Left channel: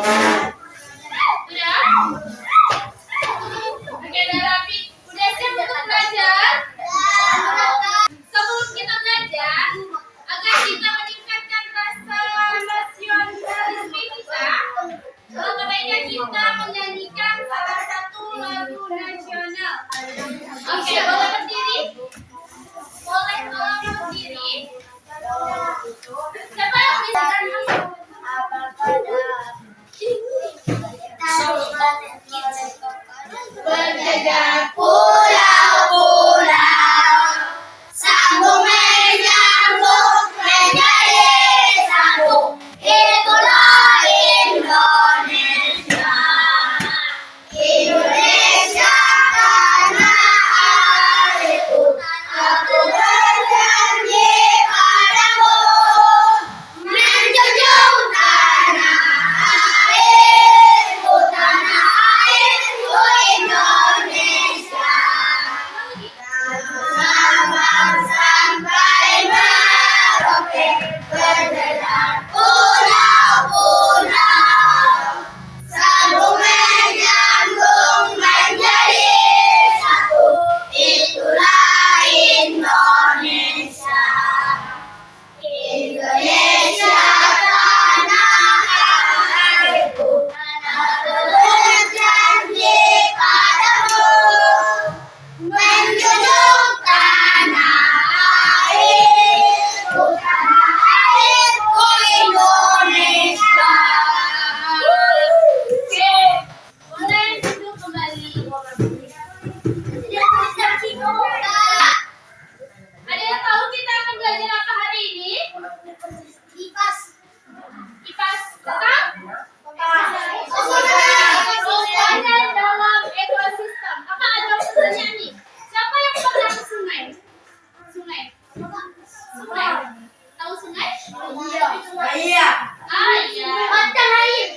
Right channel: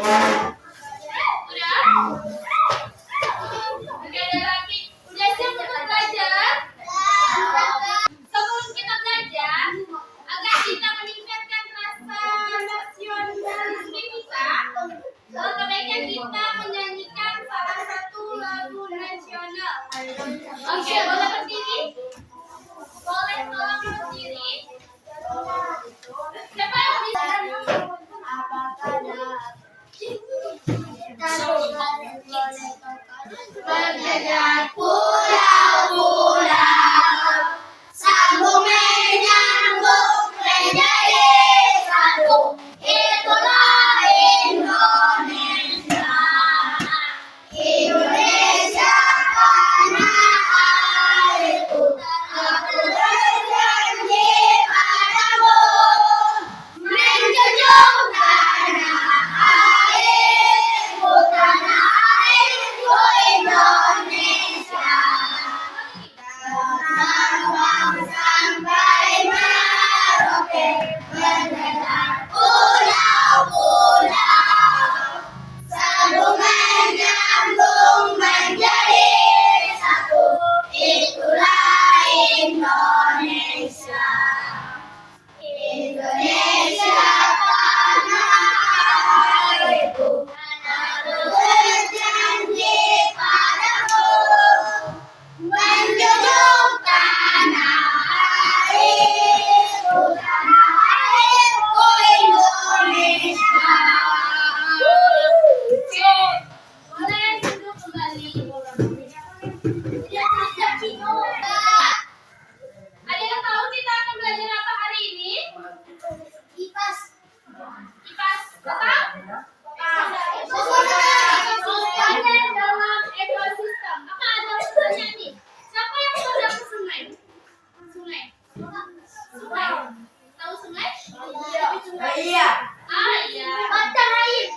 Oke, udah rapi. Udah siap untuk belajar? Sebelum kita belajar, agar kita meningkatkan rasa nasionalisme kita, sebaiknya kita menyanyikan salah satu lagu nasional. Oke, boleh berdiri? Boleh tolong berdiri? Siapa yang bisa? Berjajar pulau-pulau, sambung menyambung menjadi satu. Itulah Indonesia. Indonesia tanah airku. Aku berjanji padamu menjunjung tanah airku, tanah airku Indonesia. Sabang sampai Merauke, berjalan pulau-pulau, sambung menyambung menjadi satu. Itulah Indonesia. Indonesia tanah airku. Aku berjanji padamu menjunjung tanah airku, tanah airku Indonesia. Oke, boleh duduk kembali. Ada yang tahu kita akan belajar apa hari ini? IPAS. IPAS tentang komponen dalam ekosistem. Apa ada pertanyaan nih? Siapa yang pernah ke sungai? Sungai. Sungai. Tahu sungai? Iya. Ah iya. Batang air.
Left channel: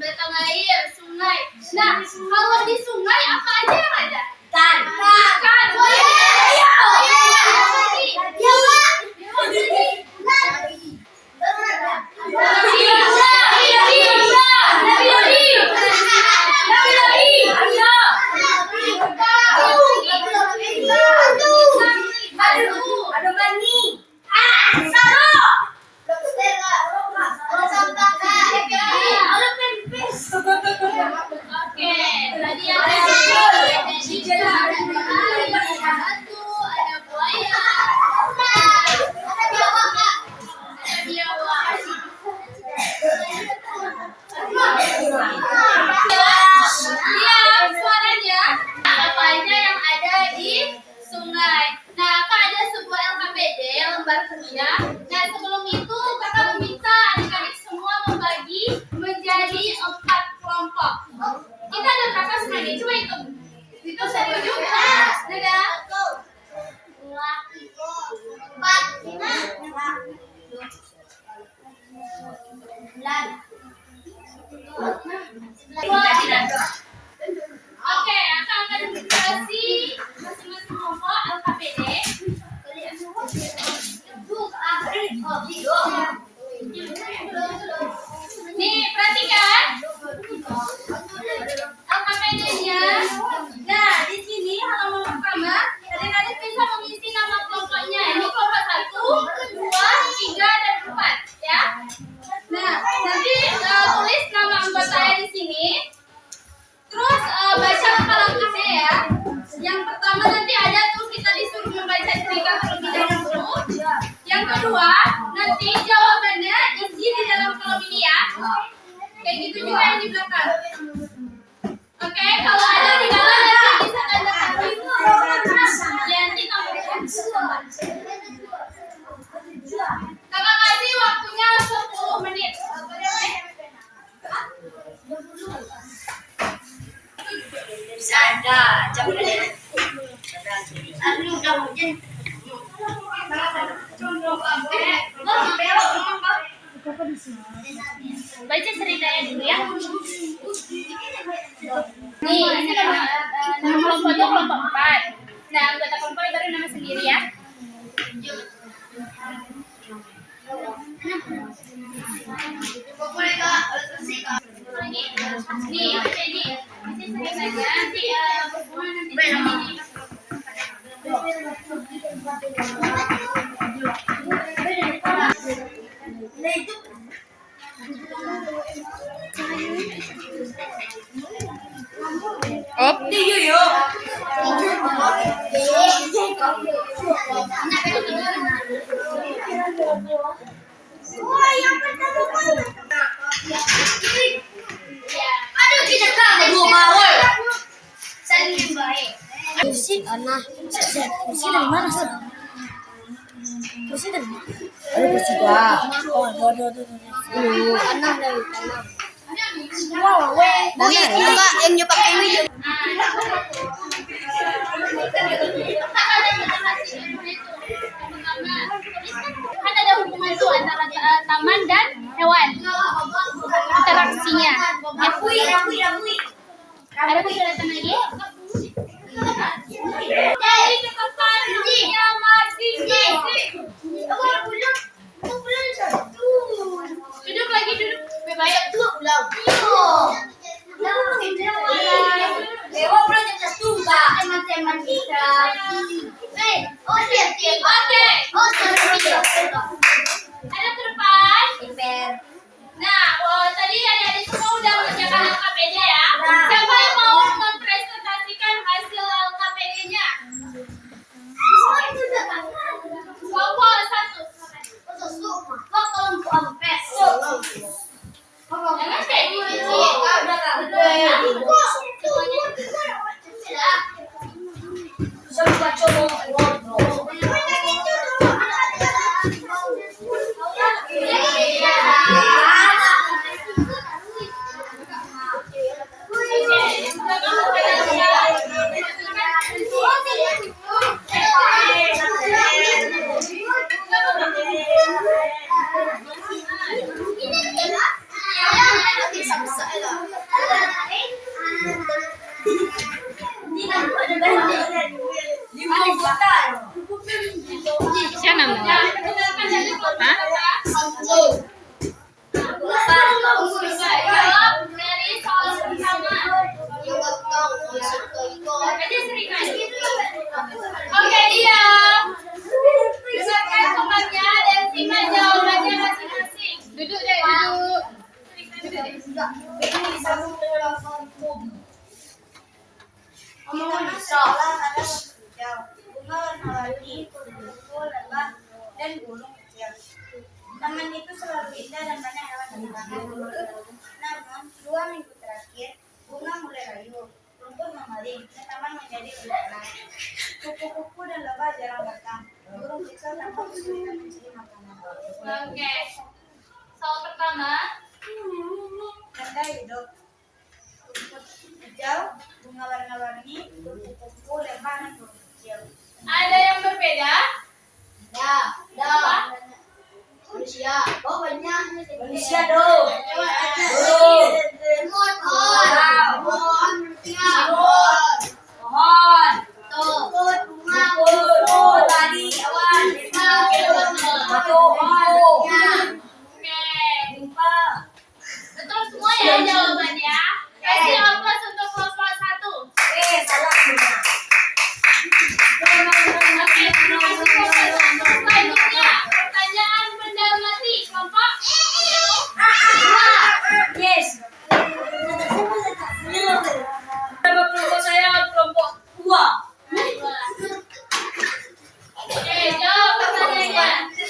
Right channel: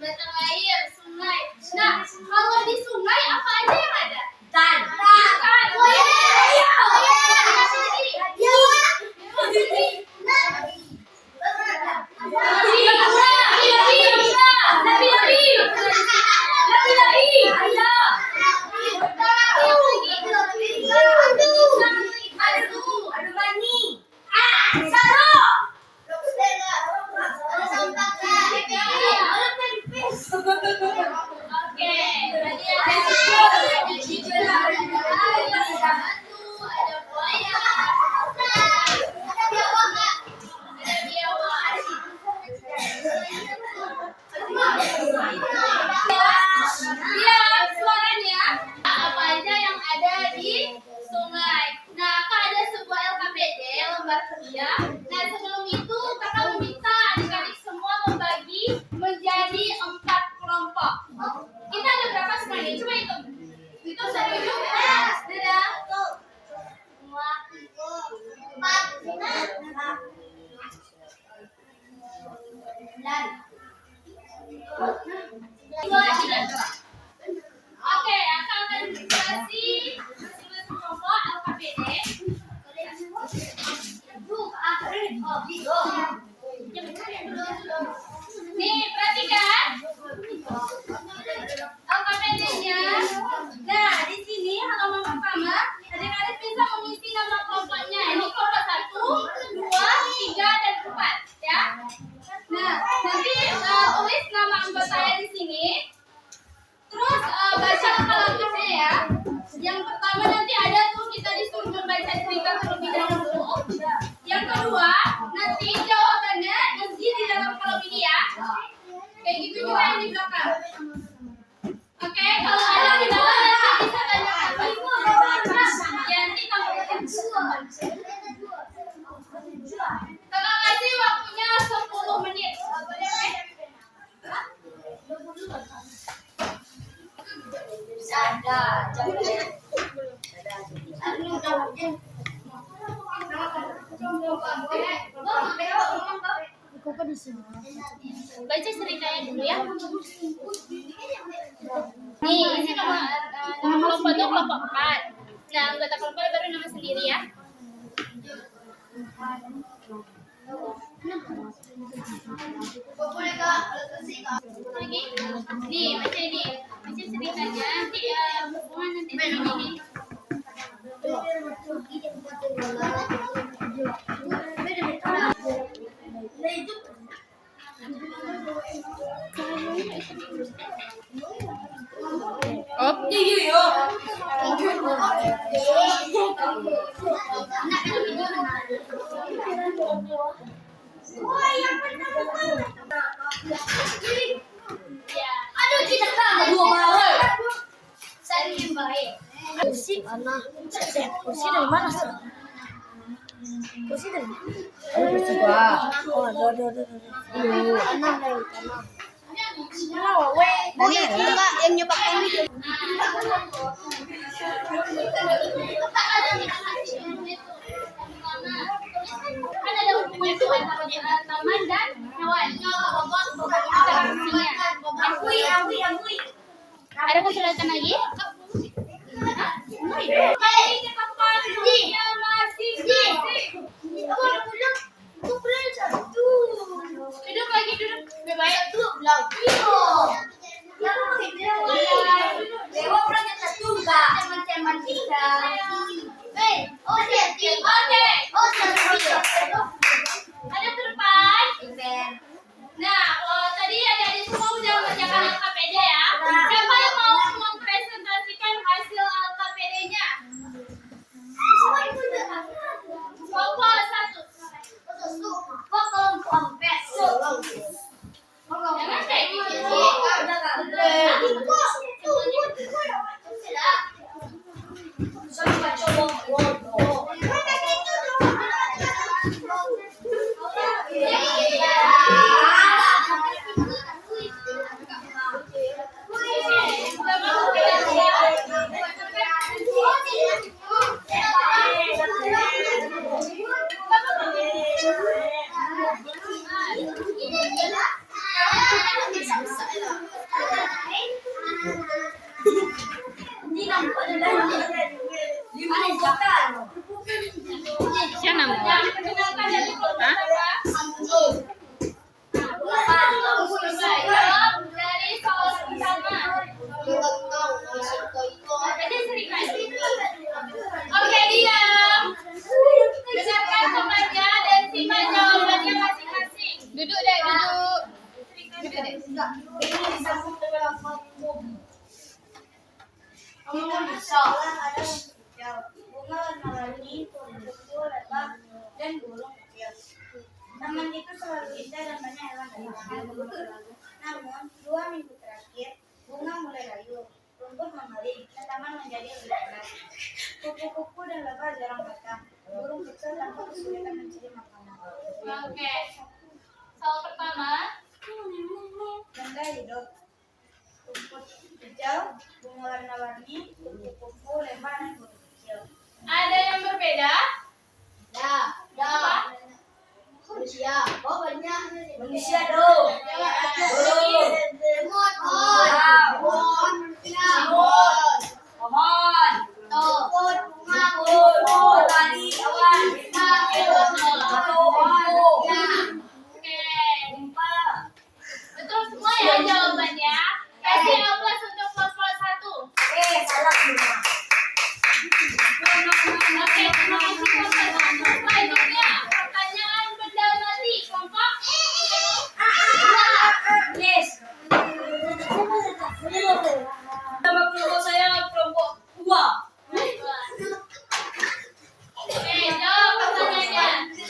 Batang air, sungai. Nah, kalau di sungai apa aja yang ada? Ikan. Ikan. Nah, sebelum itu kakak meminta adik-adik semua membagi menjadi 4 kelompok. Kita ada berapa semua ini? Coba hitung. Hitung 1, 2, 4. Oke, kakak akan kasih masing-masing kelompok LKPD. Nih, perhatikan LKPD-nya. Nah, di sini halaman pertama, adik-adik bisa mengisi nama kelompoknya. Ini kelompok 1, 2, 3, dan 4, ya. Nah, nanti tulis nama anggotanya di sini. Terus baca langkah-langkahnya ya. Yang pertama nanti ada tuh kita disuruh membaca cerita terlebih dahulu. Yang kedua, nanti jawabannya isi di dalam kolom ini ya. Kayak gitu juga yang di belakang. Oke, kalau ada di bawah nanti bisa tandakan itu. Ya, nanti tambahkan. Kakak kasih waktunya 10 menit. Ada, coba deh. Aduh, udah hujan. Baca ceritanya dulu ya. Nih, ini nama kelompok itu kelompok 4. Nah, anggota kelompok baru nama sendiri ya. Op. Aduh, tidak tahu. Mau. Saling baik. Kursi dari mana sih? Kursi dari mana? Ada kursi dua. Oh, ada. Enam dari enam. Bagi enggak yang nyoba ini. Kan ada hubungan itu antara taman dan hewan. Interaksinya. Ada kesulitan lagi? Jadi ketepannya masing-masing. Duduk lagi, duduk. Baik. Matematika. Ada ke depan. Nah, tadi adik-adik semua udah mengerjakan LKPD ya. Siapa yang mau mempresentasikan hasil LKPD-nya? Kelompok 1. Jangan kayak gini. Siapa namanya? Dari soal pertama. Oke, diam. Dengarkan temannya dan simak jawabannya masing-masing. Duduk deh, duduk. Kita bisa ada hijau, bunga warna-warni, kupu-kupu, lebah, dan burung kecil. Taman itu selalu indah dan banyak hewan terlihat. Namun, 2 minggu terakhir, bunga mulai layu, rumput memaling, dan taman menjadi lebih tenang. Kupu-kupu dan lebah jarang datang. Burung kecil tampak kesulitan mencari makanan. Oke. Soal pertama. Benda hidup. Rumput hijau, bunga warna-warni, kupu-kupu, lebah, dan burung kecil. Ada yang berbeda? Manusia. Oh, banyak. Manusia dong. Pohon. Tadi awan. Oke. Betul semua ya jawabannya. Kasih aplaus untuk kelompok 1. Salah semua. Oke, terima kasih kelompok 1. Selanjutnya, pertanyaan benda mati. Kelompok 2. Yes. Nama kelompok saya kelompok 2. Oke, jawab pertanyaannya.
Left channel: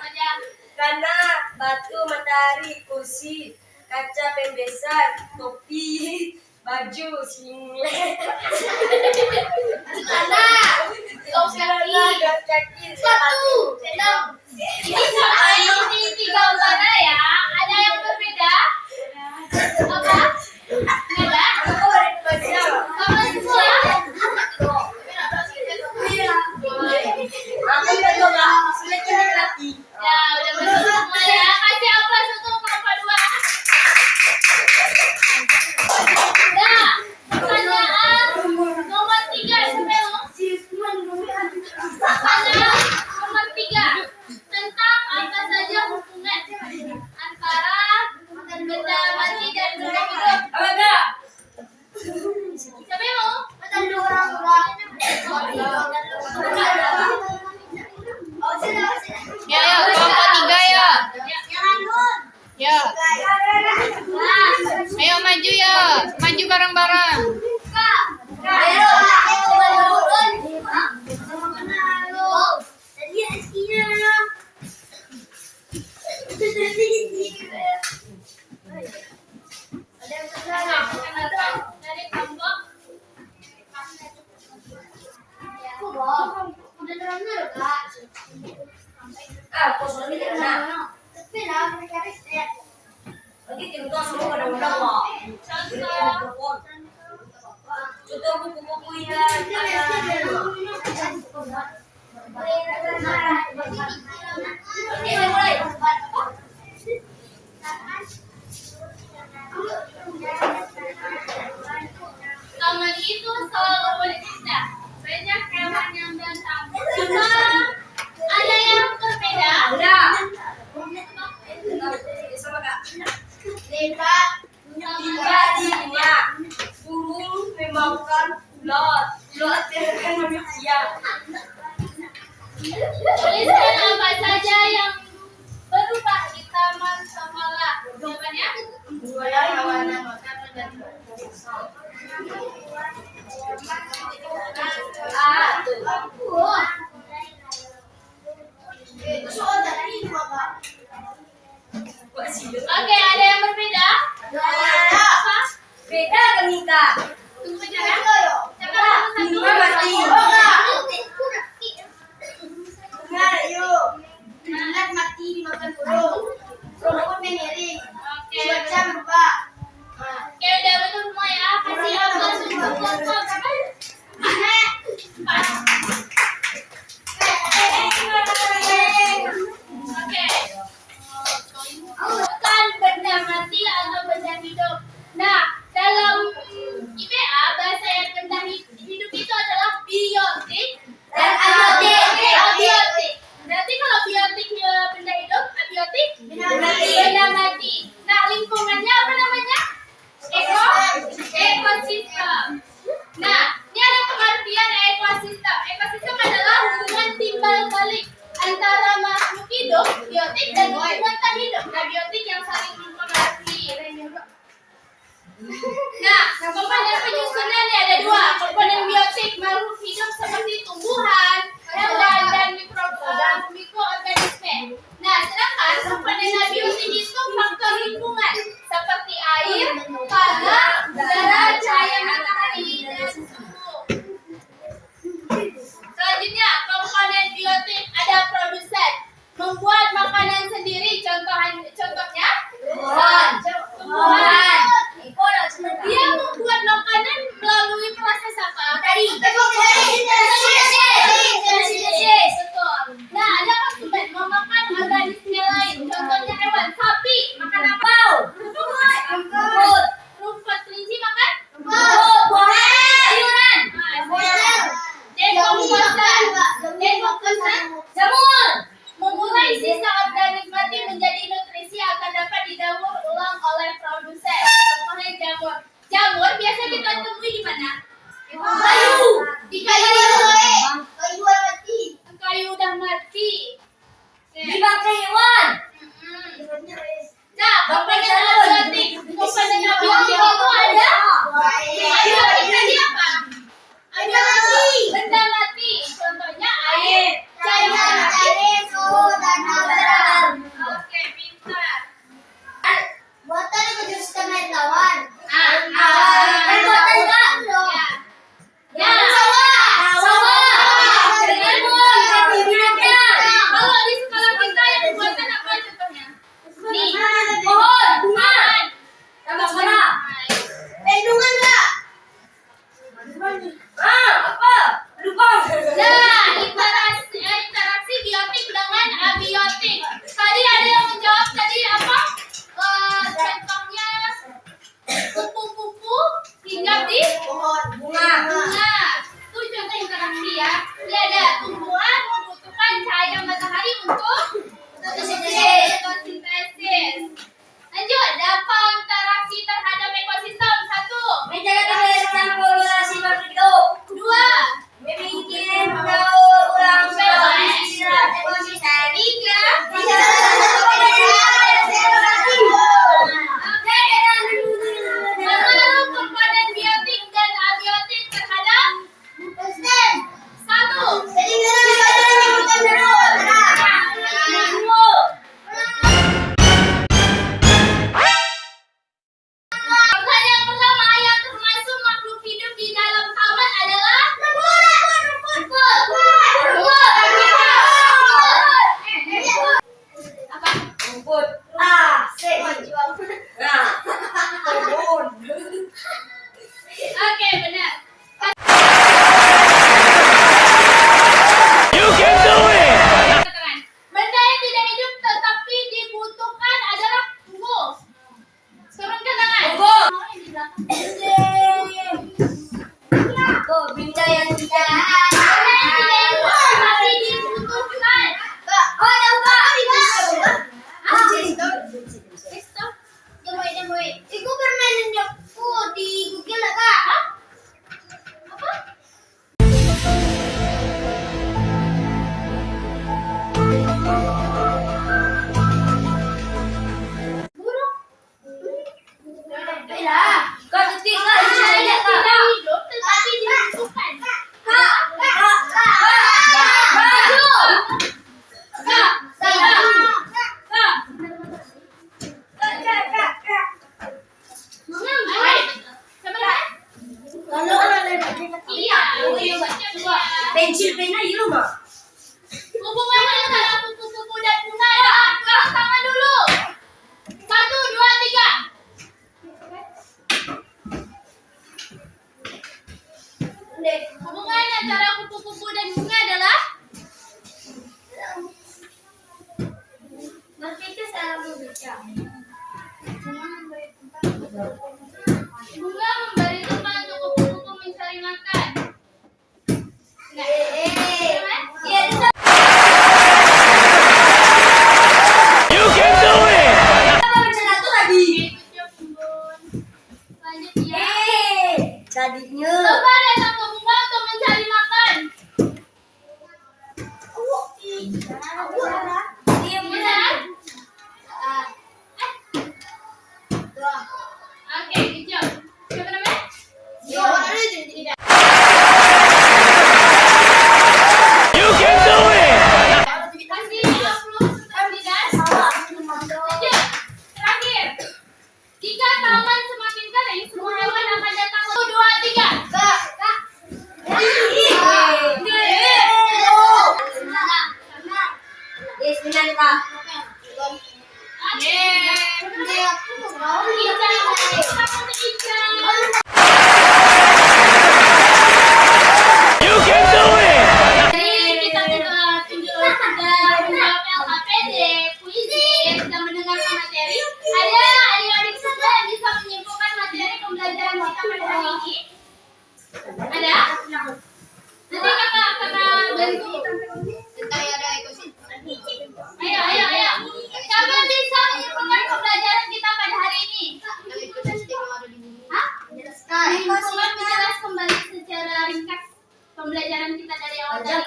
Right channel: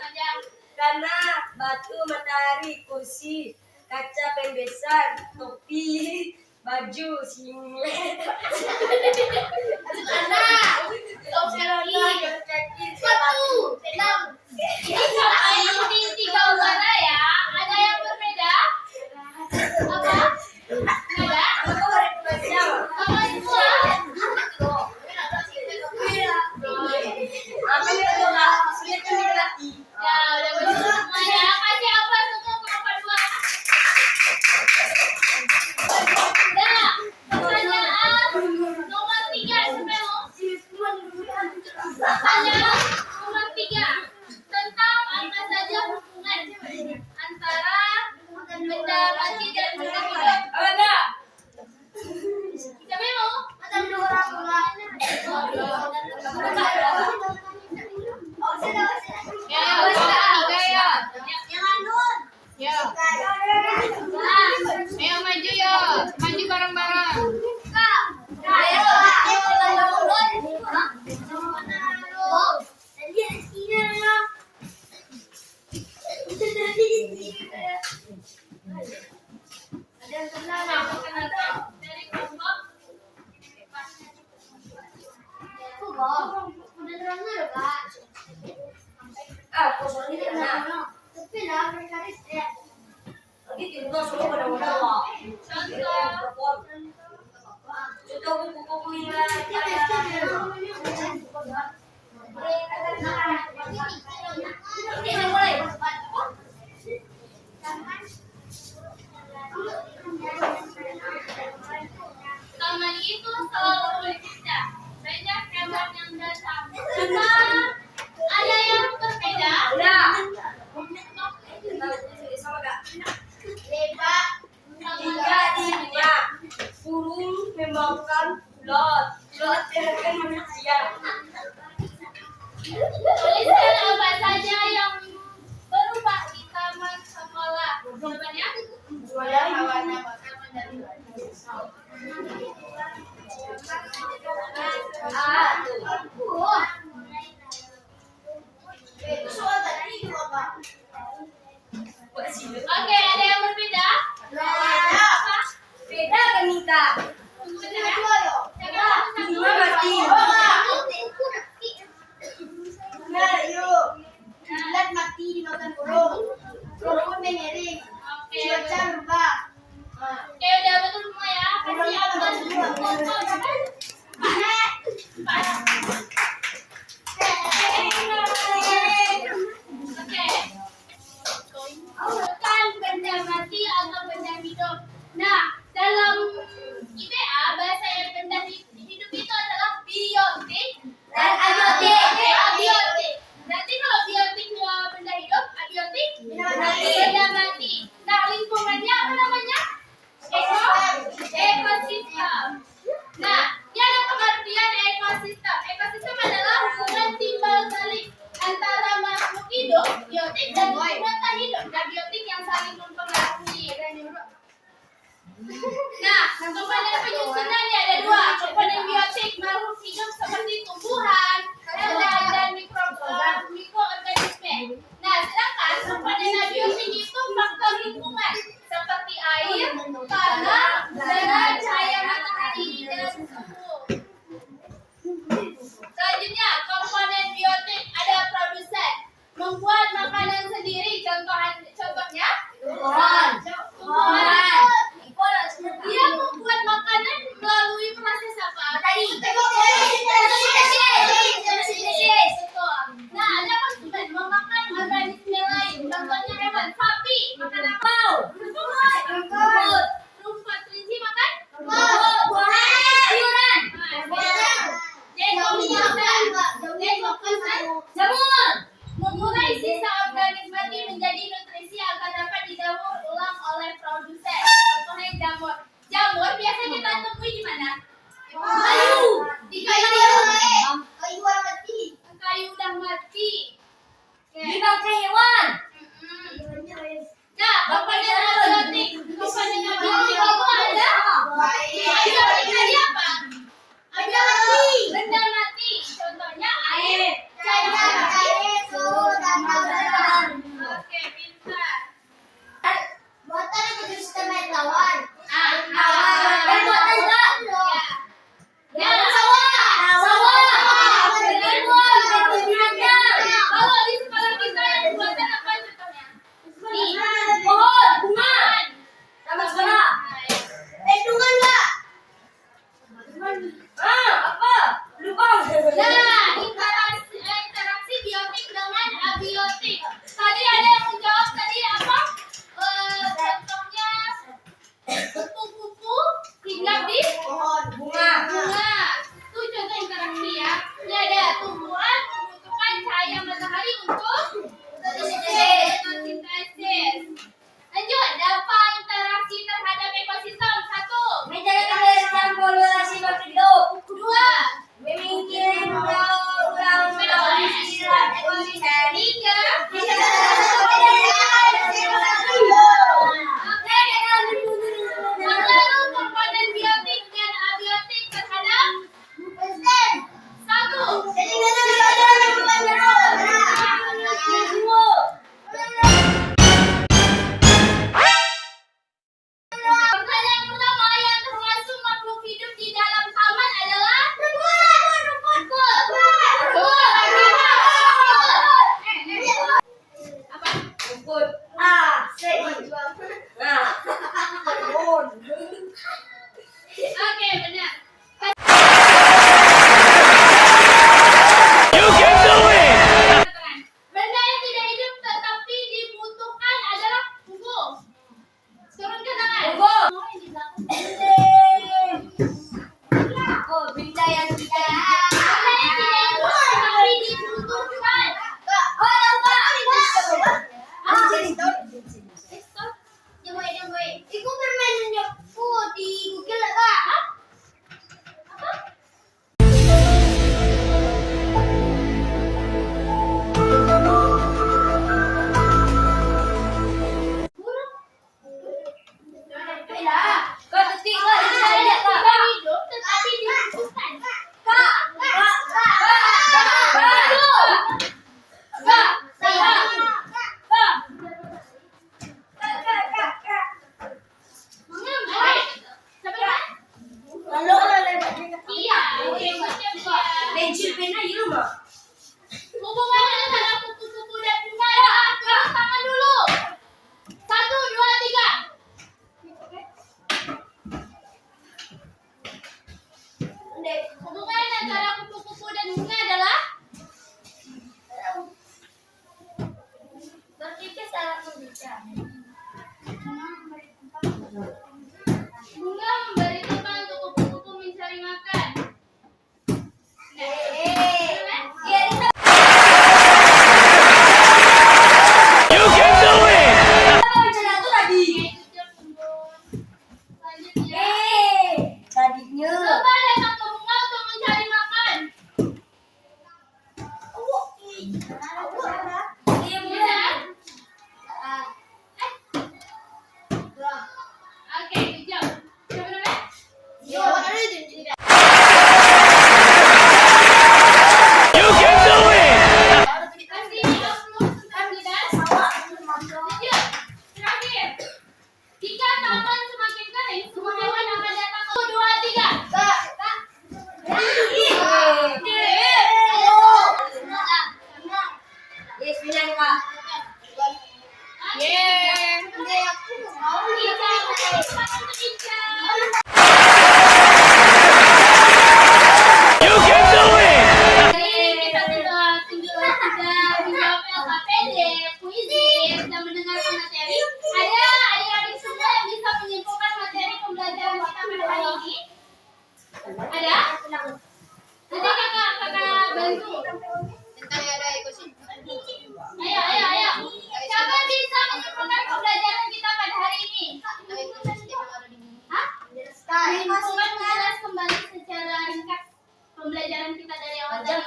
Panjang. Tanah, batu, matahari, kursi, kaca pembesan, topi, baju, singlet. Sepatu. Ini soal ini 3 warna ya. Ada yang berbeda? Apa? Beda? Sama semua? Ya, udah betul semua ya. Kasih aplaus untuk kelompok 2. Nah, pertanyaan nomor 3 Sumelo. Pertanyaan Tapi lah mereka riset. Lagi tinggal semua pada-pada kok. Contoh. Contoh buku-buku yang Taman itu selalu berbeda. Banyak hewan yang datang. Cuma ada yang berbeda. sama kak. Lepak. Jadinya burung memakan ulat. Ulat akan manusia. Tuliskan apa saja yang berubah di taman sekolah. Jawabannya? Warna makanan dan itu soal dari mama. Oke, ada yang berbeda? Apa? Beda kan Nika? Tunggu aja ya. Siapa yang Bunga mati. Bunga yuk. Bulat mati dimakan burung. Burung mengiring. Oke. Cuaca berubah. Oke, udah betul semua ya. Kasih apa? Oke. Bukan benda mati atau benda hidup. Nah, dalam IPA bahasa yang benda hidup itu adalah biotik dan abiotik. Abiotik. Berarti kalau biotiknya benda hidup, abiotik benda mati. Nah, lingkungannya apa namanya? Ekosistem. Nah, ini ada pengertian ekosistem. Ekosistem adalah hubungan timbal balik antara makhluk hidup, biotik, dan hubungan tak hidup, abiotik yang saling mempengaruhi. Nah, komponen penyusunannya ada dua. Komponen biotik makhluk hidup seperti tumbuhan, hewan, dan mikroorganisme. Nah, sedangkan komponen abiotik itu faktor lingkungan seperti air, tanah, udara, cahaya matahari, dan suhu. Selanjutnya, komponen biotik ada produsen, membuat makanan sendiri. Contohnya, tumbuhan. Dia membuat makanan melalui proses apa? Fotosintesis. Betul. Nah, ada konsumen memakan organisme lain. Contohnya hewan, sapi makan apa? Rumput. Rumput. Kelinci makan? Sayuran. Dekomposan. Jamur. Memulai sisa organik mati menjadi nutrisi akan dapat didaur ulang oleh produsen. Contohnya jamur. Jamur biasa kita temui di mana? Kayu. Di kayu. Kayu udah mati. Oke. Dimakan hewan. Nah, komponen abiotik. Komponen abiotik itu ada. Abiotik tadi apa? Abiotik. Benda mati. Contohnya air. Cairan. Oke, pintar. Ya. Kalau di sekolah kita yang buatan apa contohnya? Nih, pohon, bunga, Sama sekolah. Nah, Bunga memberi tempat untuk kupu-kupu mencari makan. Nah, You can do it! lanjut ya. Tadinya. Coba datang ke bunga untuk mencari makan. Diam Bisa? ya. Oke, good job. Siapa namanya? You can do it! Kasih upload tidak? Lanjut. Terakhir. Jika taman semakin kering, semua hewan akan datang. 1, 2, 3. You can do it! Kita sudah menjawab LKPD, puisi, dan mendengarkan materi. Ada adik-adik semua yang bisa menyimpulkan materi pembelajaran kita pada hari ini? Ada? Nanti kakak bantu. Ayo. Siapa bisa menyimpulkan pembelajaran kita pada hari ini? Hah? Menyimpulkan menjelas kembali secara ringkas pembelajaran kita dari awal tadi.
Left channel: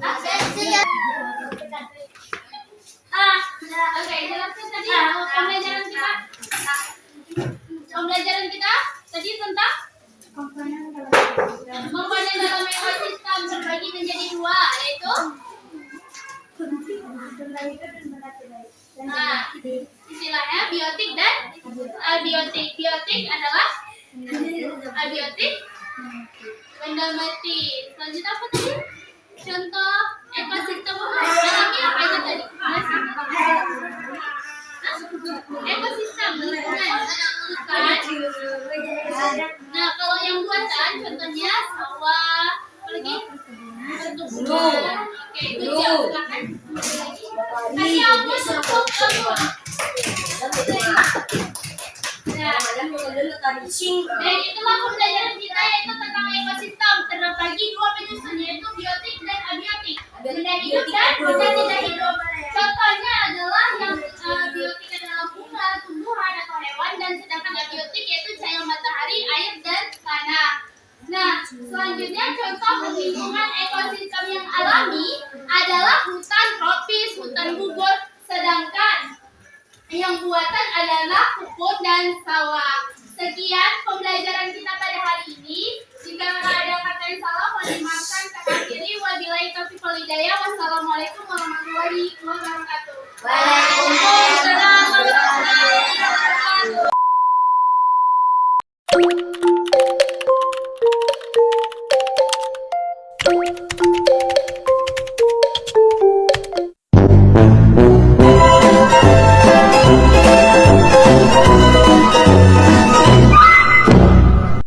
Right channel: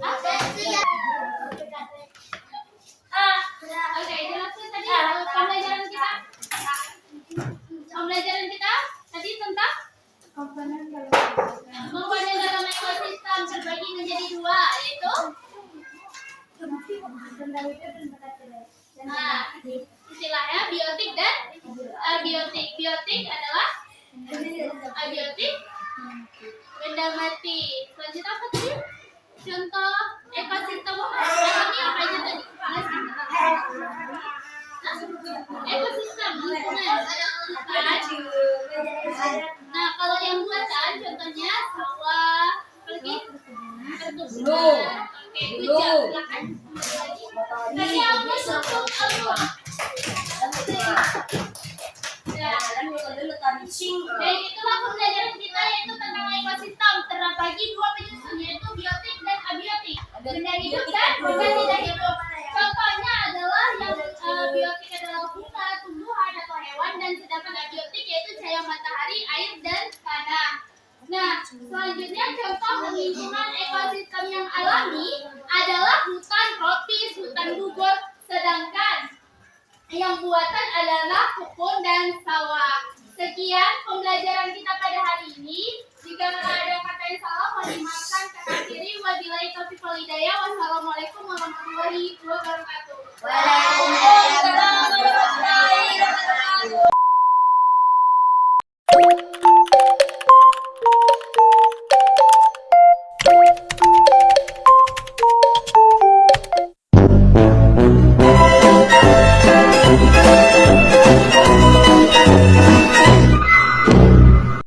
Oke, jelaskan tadi pembelajaran kita. Pembelajaran kita tadi tentang komponen dalam ekosistem terbagi menjadi 2, yaitu istilahnya biotik dan abiotik. Biotik adalah abiotik, benda mati. Selanjutnya apa tadi? Contoh ekosistem alamnya apa aja tadi? Ekosistem lingkungan. Nah, kalau yang buatan contohnya sawah, apalagi perkebunan. Oke, good job. Silakan. Kasih aku untuk kamu. Dan itulah pembelajaran kita yaitu tentang ekosistem terbagi 2 penyusun yaitu biotik dan abiotik. Benda hidup dan benda